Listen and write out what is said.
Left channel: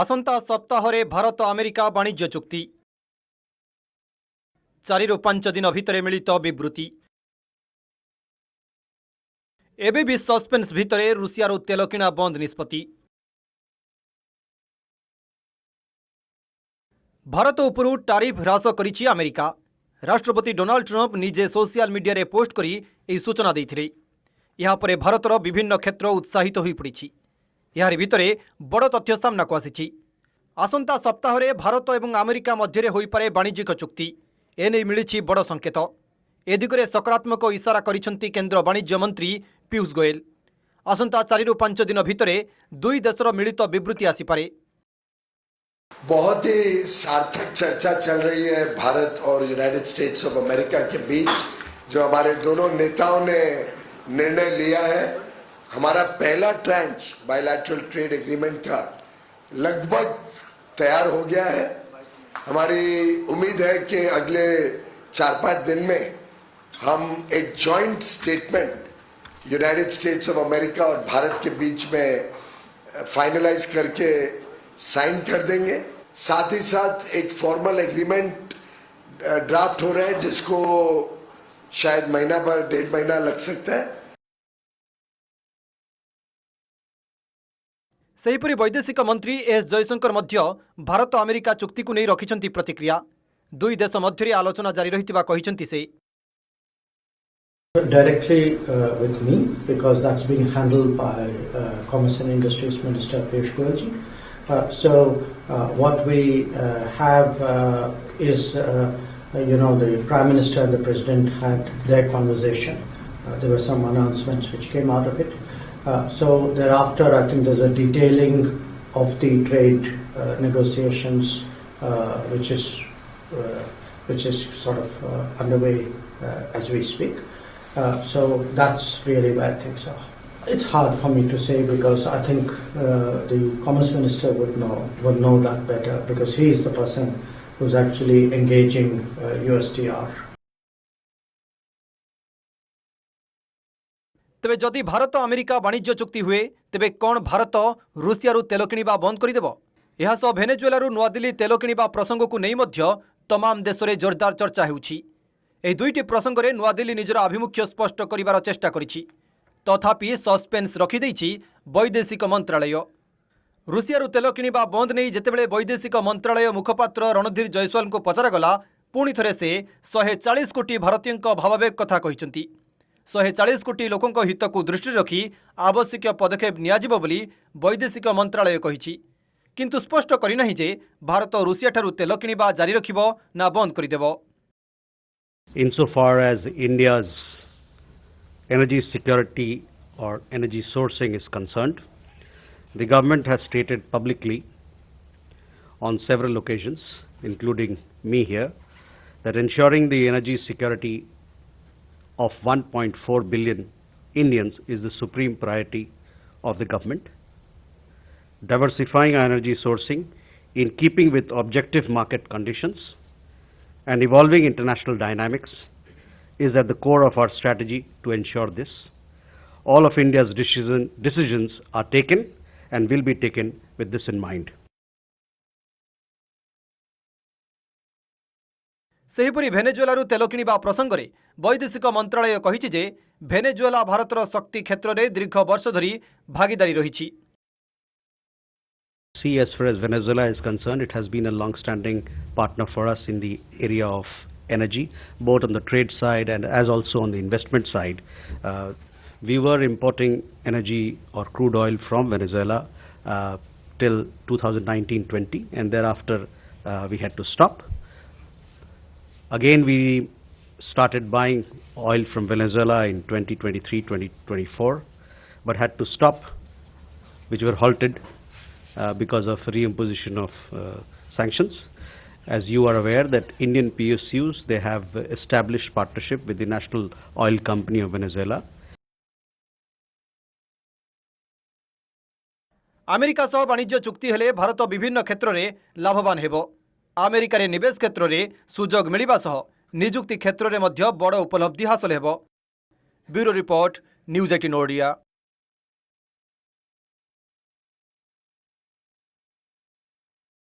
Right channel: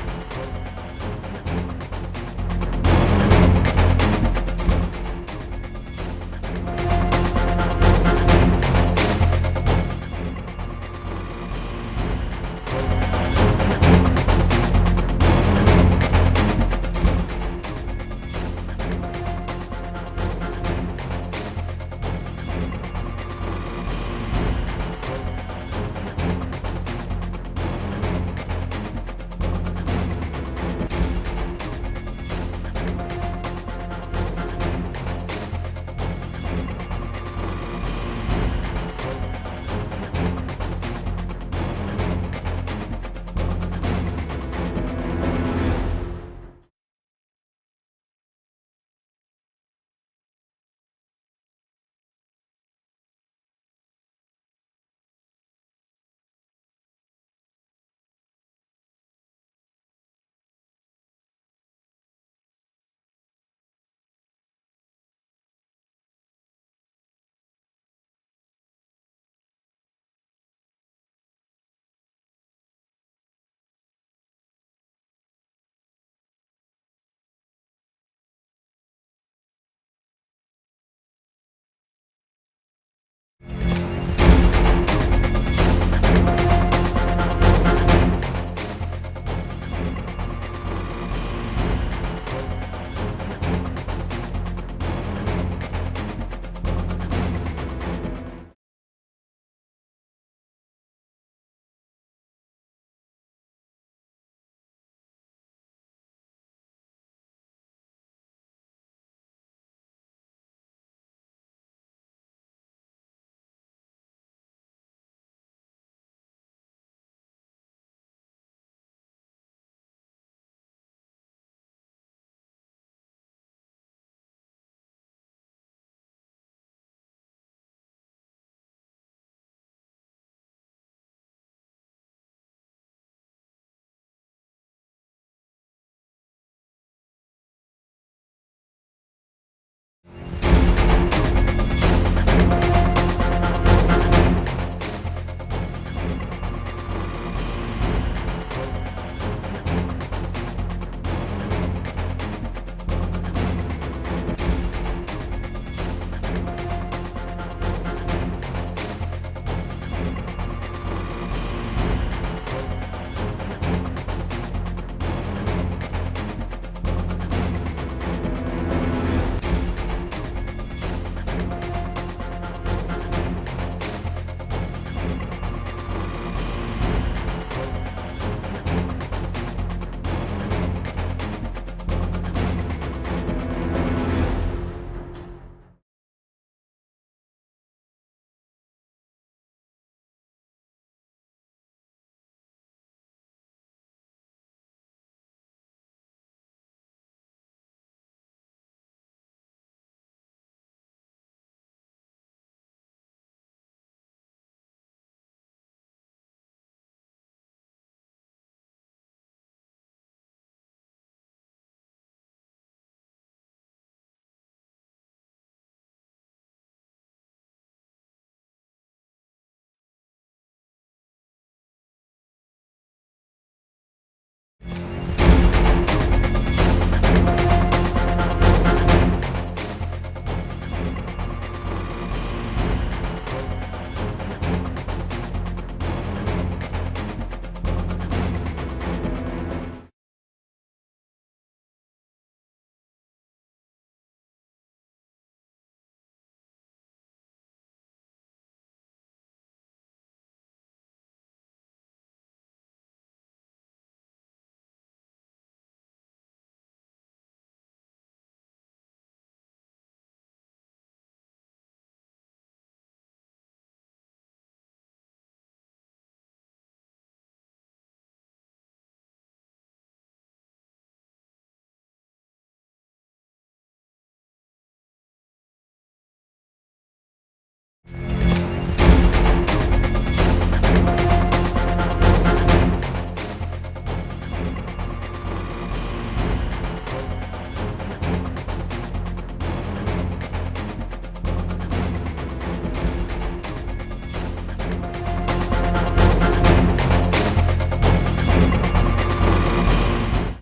आसंता सप्ताह भारत अमेरिका वाणिज्य चुक्ति 4 ରୁ 5 दिन भितर मिलित विवृत्ति एबे भी सस्पेंस भितर रूसिया तेल किणा बंद निष्पत्ति भारत उपरू टारिफ ह्रास करिछि अमेरिका। राष्ट्रपति डोनाल्ड ट्रंप निजे सोशल मीडिया रे पोस्ट करी ई सूचना दैथिले। यहाँ पर भारतर विभिन्न क्षेत्र उत्साहित होई पड़िछि। यार भितरे बड़ तथ्य सामना को आसिछि। आसंता सप्ताह रे भारत एवं अमेरिका मध्य होई पारे वाणिज्यिक चुक्ति एने मिलिछि बड़ संकेत। ए दिगरे सकारात्मक इशारा करिसंती केंद्र वाणिज्य मंत्री पीयूष गोयल। आसंता 4 ରୁ 5 दिन भितरे दुई देशर मिलित विवृत्ति आसीपारे। बहुत ही सार्थक चर्चा चल रही है भारत और यूनाइटेड स्टेट्स ऑफ अमेरिका के बीच, जो हमारे दोनों नेताओं ने निर्णय लिया है। हमारा पहला ट्रांच बायलैटरल ट्रेड एग्रीमेंट का लगभग तैयार हो गया है। हमारी उम्मीद है कि अगले 4-5 दिन में हम एक joint statement United states of America और भारत के बीच में फाइनलाइज करके साइन कर देंगे। साथ ही साथ एक फॉर्मल एग्रीमेंट ड्राफ्ट हो रहा है, जिसको शायद महीना भर 1.5 महीना लग सकता है। सेहीपरि वैदेशिक मंत्री एस जयशंकर मध्य भारत अमेरिका चुक्ति को नहीं रखिछंती प्रतिक्रिया। दुई देश मध्य आलोचना जारी रहितिबा कहिछंती से। Directly with me, because that's being handled by Commerce and Industries Minister Piyush Goyal. What we have is, the Prime Minister and the President had their conversation. There were some announcements which came out of it. So thereafter, I think there's a detailing of the trade negotiations, which is sort of underway as we speak. So that's really where things are. It's hard for me to say, because I think the Commerce Minister would know that better, because he is the person who's actually engaging USTR. तेरे जदि Bharat America वाणिज्य चुक्ति हुए तेबे कौन Bharat Russia तेल किणवा बंद करदेव? यह सह भेनेजुएला नुआ दिल्ली तेल किणवा प्रसंग को नहीं मध्य तमाम देश में जोरदार चर्चा होउछि। एही दुईटी प्रसंग में नुआ दिल्ली निजर आभिमुख्य स्पष्ट करिवार चेष्टा करिछि। तथापि सस्पेंस रखिदेछि वैदेशिक मंत्रालय। रूसिया तेल किणवा बंद नहीं जेतेबेले वैदेशिक मंत्रालय मुखपात्र रणधीर जयस्वाल को पचरागला, पुणी थरे से 140 कोटी भारतीयों भावावेग कथा कहिसंती। 140 कोटी लोकों हित को दृष्टि रखी आवश्यक पदक्षेप नियाजिबो बोली वैदेशिक मंत्रालय कहिछि। किंतु स्पष्ट करिनाहि जे भारत रूसिया ठारू तेल किणवा जारी रखिबो ना बंद करिदेबो। Insofar as India's energy security or energy sourcing is concerned, the government has stated publicly on several occasions, including me here, that ensuring the energy security of 1.4 billion Indians is the supreme priority of the government. Diversifying our energy sourcing in keeping with objective market conditions and evolving international dynamics is at the core of our strategy to ensure this. All of India's decisions are taken and will be taken with this in mind. सेहीपरि Venezuela तेल किणवा प्रसंग में वैदेशिक मंत्रालय कहिछि जे भेनेजुएला भारतर शक्ति क्षेत्र में दीर्घ वर्ष धरी भागीदारी रहिछि। See, as far as Venezuela is concerned, it has been a long-standing partner for us in the area of energy, both on the trade side and as also on the investment side. We were importing energy or crude oil from Venezuela till 2019-20, and thereafter we had to stop. Again, we started buying oil from Venezuela in 2023-2024, but had to stop, which were halted because of reimposition of sanctions. As you are aware that Indian PSUs, they have established partnership with the National Oil Company of Venezuela. America सह वाणिज्य चुक्ति हेले भारत विभिन्न क्षेत्र में लाभवान हेबो। America रे निवेश क्षेत्र में सुजोग मिलिबा सह निजुक्ति क्षेत्र में मध्य बड़ उपलब्धि हासिल हेबो। Bureau report, news 18 Odia.